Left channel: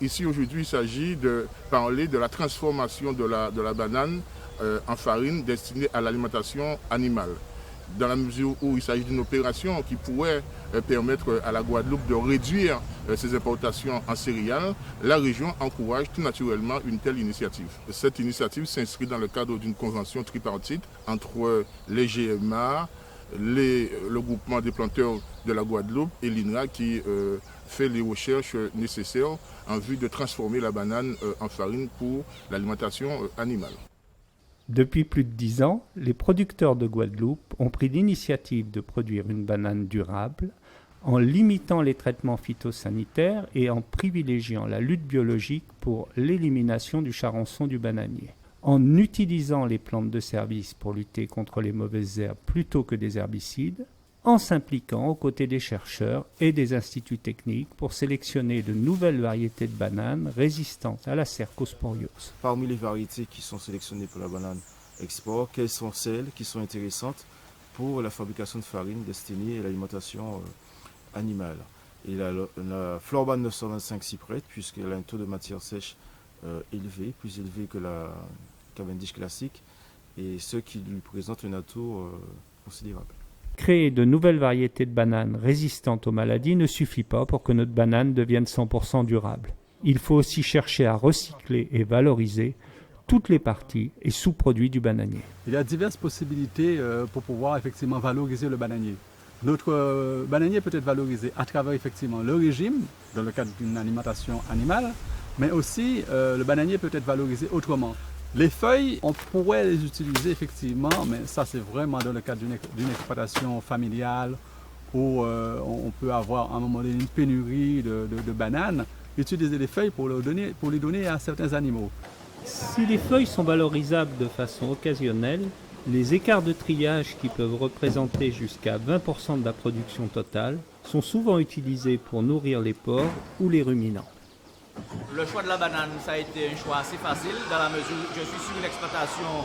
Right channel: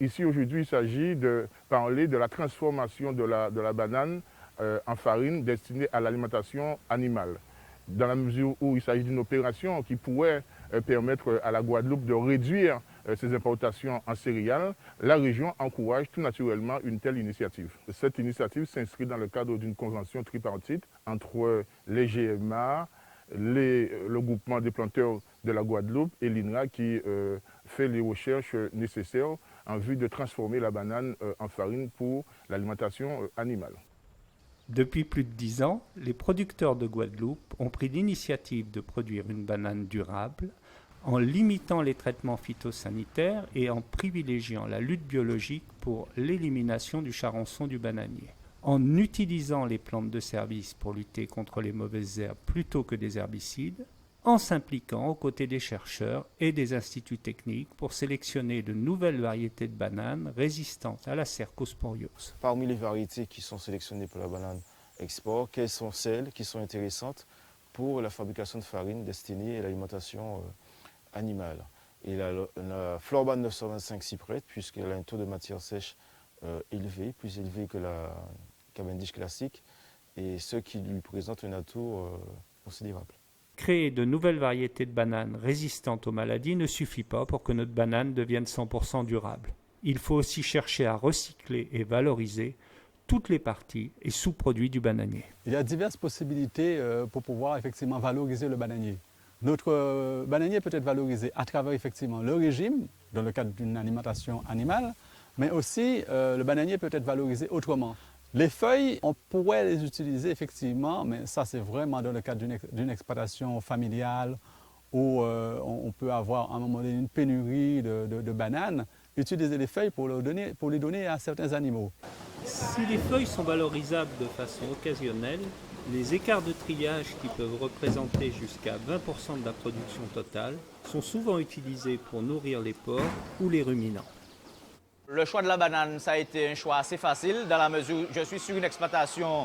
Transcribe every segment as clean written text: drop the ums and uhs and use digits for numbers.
Ici, aujourd'hui, il s'agit de parler de la transformation de la banane en farine destinée à l'alimentation animale. Dans la mesure où il s'agit d'une opération qui pourrait permettre à la Guadeloupe de réduire ses importations en céréales, la région encourage tout naturellement une telle initiative. Cette initiative s'inscrit dans le cadre d'une convention tripartite entre les GMA, le groupement des planteurs de la Guadeloupe et l'INRA qui fait les recherches nécessaires en vue de transformer la banane en farine pour l'alimentation animale. Depuis plus de 10 ans, les producteurs de Guadeloupe ont pris l'initiative de produire une banane durable en limitant les traitements phytosanitaires et en privilégiant la lutte biologique pour l'élimination du charançon du bananier. En utilisant les plantes de service pour lutter contre les mauvaises herbes plutôt que des herbicides, en s'impliquant aux côtés des chercheurs et des instituts techniques pour sélectionner de nouvelles variétés de bananes résistantes à la cercosporiose. Parmi les variétés qui sont sélectionnées pour la banane export, quelles sont celles qui sont intéressantes pour la fabrication de farine destinée à l'alimentation animale? Et la Florban 925 s'y prête puisqu'elle a un taux de matière sèche élevé, plus élevé que la Cavendish classique, et ce qui lui présente un atout considérable. Créer de nouvelles variétés de bananes résistantes aux maladies ne suffit pas pour que notre banane devienne 100% durable. Il faut aussi chercher à recycler et valoriser toutes les parties et sous-produits du bananier. Il y a diverses possibilités pour pouvoir effectivement valoriser le bananier. Notre bananier peut être valorisé à travers effectivement le régime, dans le cadre d'une alimentation animale, mais aussi le bananier peut être valorisé autrement. Les feuilles, on pourrait les utiliser effectivement, mais ça c'est vraiment dans le cadre d'une exploitation familiale où on peut avoir à un moment donné une pénurie de bananes, utiliser les feuilles pour les donner à certains animaux. Si les feuilles sont valorisables de façon occasionnelle, les écarts de triage qui peuvent représenter jusqu'à 20% de la production totale sont souvent utilisés pour nourrir les porcs ou les ruminants. Le choix de la banane, ça a été un choix assez facile dans la mesure où je suis sur une exploitation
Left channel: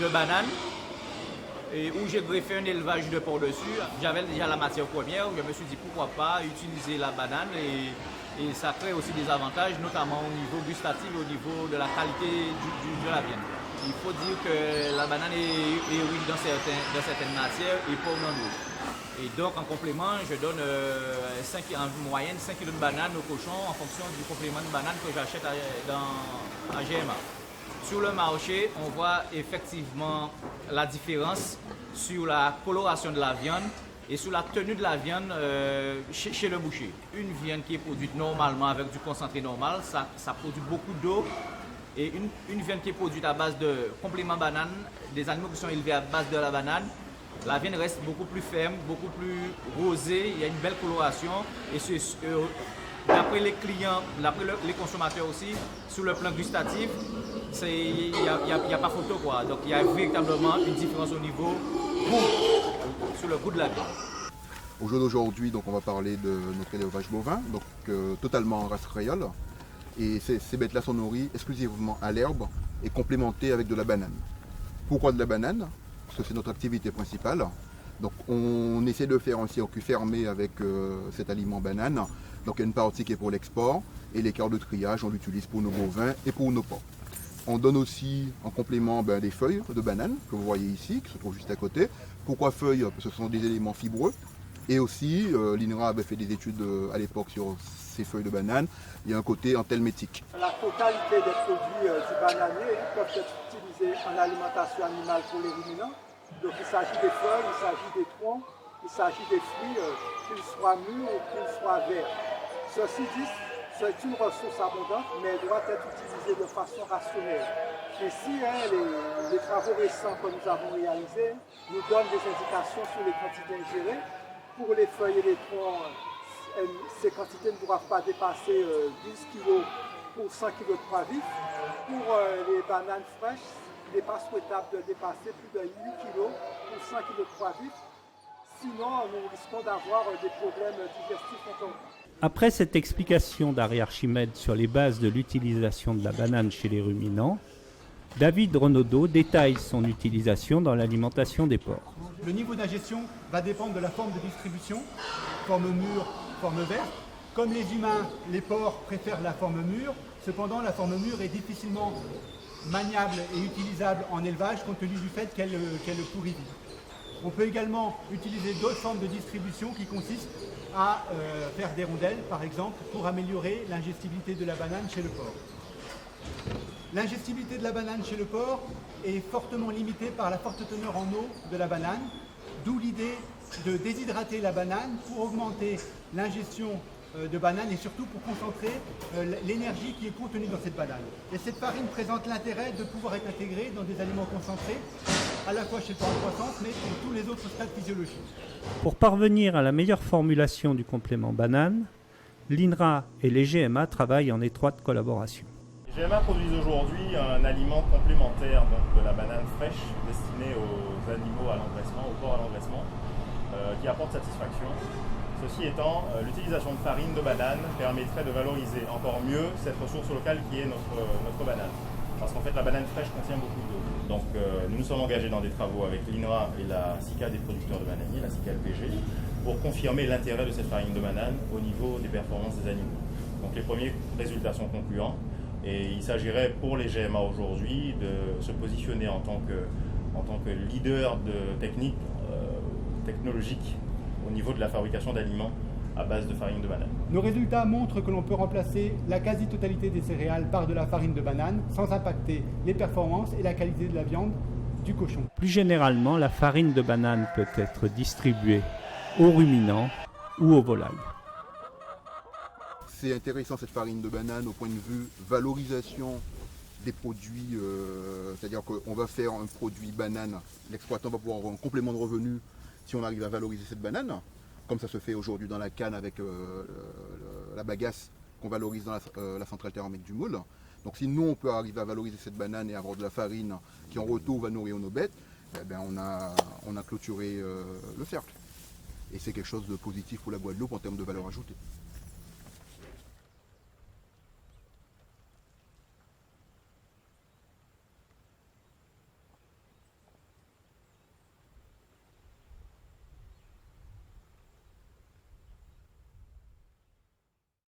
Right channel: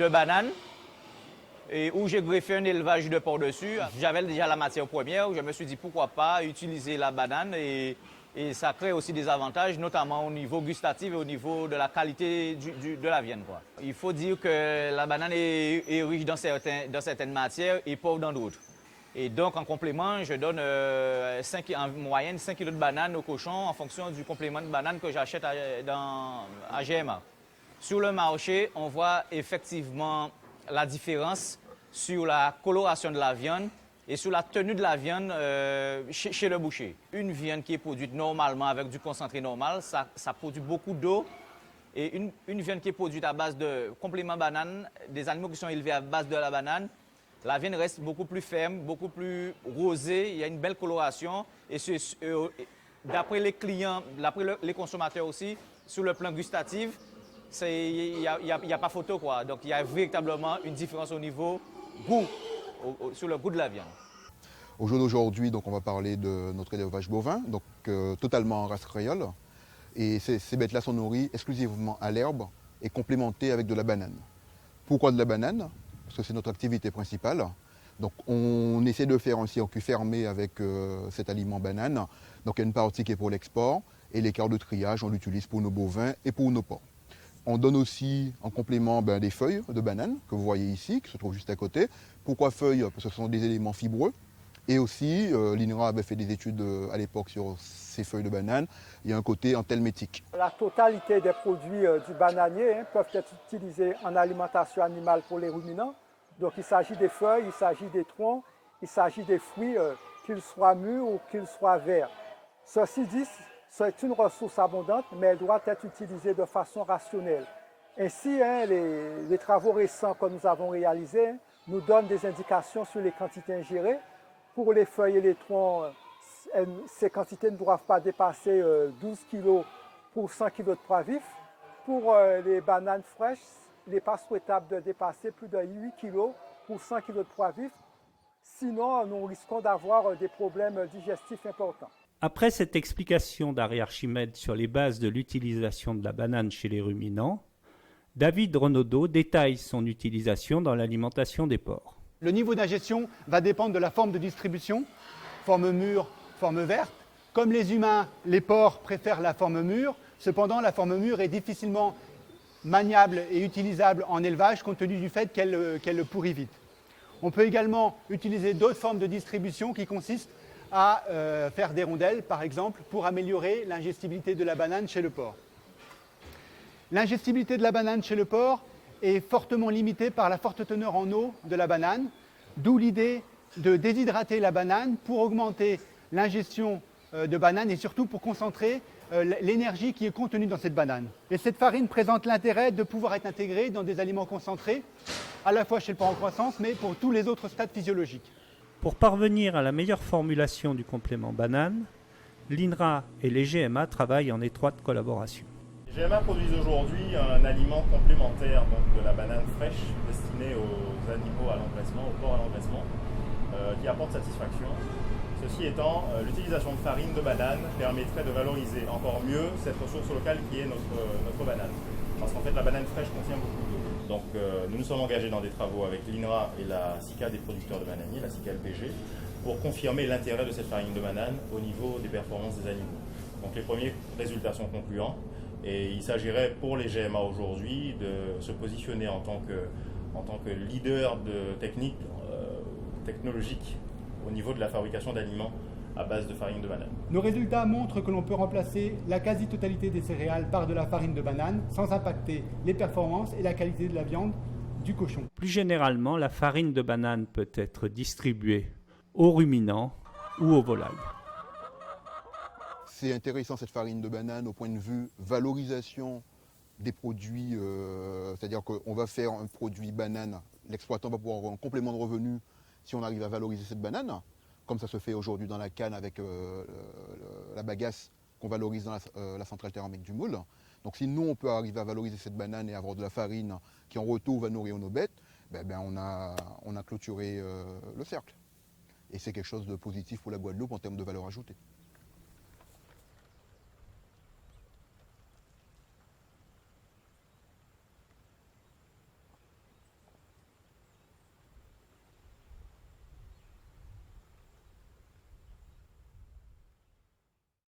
de bananes et où j'ai greffé un élevage de porc dessus. J'avais déjà la matière première, je me suis dit pourquoi pas utiliser la banane et ça crée aussi des avantages, notamment au niveau gustatif et au niveau de la qualité de la viande. Il faut dire que la banane est riche dans certaines matières et pauvre dans d'autres. Et donc, en complément, je donne en moyenne 5 kg de bananes au cochon en fonction du complément de banane que j'achète à GMA. Sur le marché, on voit effectivement la différence sur la coloration de la viande et sur la tenue de la viande chez le boucher. Une viande qui est produite normalement avec du concentré normal, ça produit beaucoup d'eau. Et une viande qui est produite à base de compléments banane, des animaux qui sont élevés à base de la banane, la viande reste beaucoup plus ferme, beaucoup plus rosée, il y a une belle coloration. Et d'après les clients, d'après les consommateurs aussi, sur le plan gustatif, il n'y a pas photo, quoi. Donc il y a véritablement une différence au niveau goût, sur le goût de la viande. Au jour d'aujourd'hui, on va parler de notre élevage bovin, totalement en race créole. Et ces bêtes-là sont nourries exclusivement à l'herbe et complémentées avec de la banane. Pourquoi de la banane? Parce que c'est notre activité principale. Donc on essaie de faire un circuit fermé avec cet aliment banane. Donc il y a une partie qui est pour l'export et l'écart de triage, on l'utilise pour nos bovins et pour nos porcs. On donne aussi en complément des feuilles de banane que vous voyez ici, qui se trouvent juste à côté. Pourquoi feuilles? Parce que ce sont des éléments fibreux. Et aussi, l'INRA avait fait des études à l'époque sur ces feuilles de banane. Il y a un côté anthelmétique. La totalité des produits du bananier peuvent être utilisés en alimentation animale pour les ruminants. Donc il s'agit des feuilles, il s'agit des troncs, il s'agit des fruits, qu'ils soient mûrs ou qu'ils soient verts. Ceci dit, c'est une ressource abondante, mais elle doit être utilisée de façon rationnelle. Ainsi, les travaux récents que nous avons réalisés nous donnent des indications sur les quantités ingérées. Pour les feuilles et les troncs, ces quantités ne doivent pas dépasser 12 kg pour 100 kg de pois vifs. Pour les bananes fraîches, il n'est pas souhaitable de dépasser plus de 8 kg pour 100 kg de pois vifs. Sinon, nous risquons d'avoir des problèmes digestifs importants. Après cette explication d'Henri Archimède sur les bases de l'utilisation de la banane chez les ruminants, David Renaudot détaille son utilisation dans l'alimentation des porcs. Le niveau d'ingestion va dépendre de la forme de distribution, forme mûre, forme verte. Comme les humains, les porcs préfèrent la forme mûre. Cependant, la forme mûre est difficilement maniable et utilisable en élevage compte tenu du fait qu'elle pourrit vite. On peut également utiliser d'autres formes de distribution qui consistent à faire des rondelles, par exemple, pour améliorer l'ingestibilité de la banane chez le porc. L'ingestibilité de la banane chez le porc est fortement limitée par la forte teneur en eau de la banane, d'où l'idée de déshydrater la banane pour augmenter l'ingestion de banane et surtout pour concentrer l'énergie qui est contenue dans cette banane. Et cette farine présente l'intérêt de pouvoir être intégrée dans des aliments concentrés, à la fois chez le porc en croissance, mais pour tous les autres stades physiologiques. Pour parvenir à la meilleure formulation du complément banane, l'INRA et les GMA travaillent en étroite collaboration. Les GMA produisent aujourd'hui un aliment complémentaire donc de la banane fraîche destinée aux animaux à l'engraissement, aux porcs à l'engraissement, qui apporte satisfaction. Ceci étant, l'utilisation de farine de banane permettrait de valoriser encore mieux cette ressource locale qui est notre banane. Parce qu'en fait, la banane fraîche contient beaucoup d'eau. Donc nous nous sommes engagés dans des travaux avec l'INRA et la SICA des producteurs de bananiers, la SICA LPG, pour confirmer l'intérêt de cette farine de banane au niveau des performances des animaux. Donc les premiers résultats sont concluants et il s'agirait pour les GMA aujourd'hui de se positionner en tant que leader de technologique au niveau de la fabrication d'aliments à base de farine de banane. Nos résultats montrent que l'on peut remplacer la quasi-totalité des céréales par de la farine de banane sans impacter les performances et la qualité de la viande du cochon. Plus généralement, la farine de banane peut être distribuée aux ruminants ou aux volailles. C'est intéressant cette farine de banane au point de vue valorisation des produits, c'est-à-dire qu'on va faire un produit banane, l'exploitant va pouvoir avoir un complément de revenu si on arrive à valoriser cette banane, comme ça se fait aujourd'hui dans la canne avec la bagasse qu'on valorise dans la centrale thermique du moule. Donc si nous on peut arriver à valoriser cette banane et avoir de la farine qui en retour va nourrir nos bêtes, on a clôturé le cercle. Et c'est quelque chose de positif pour la Guadeloupe en termes de valeur ajoutée.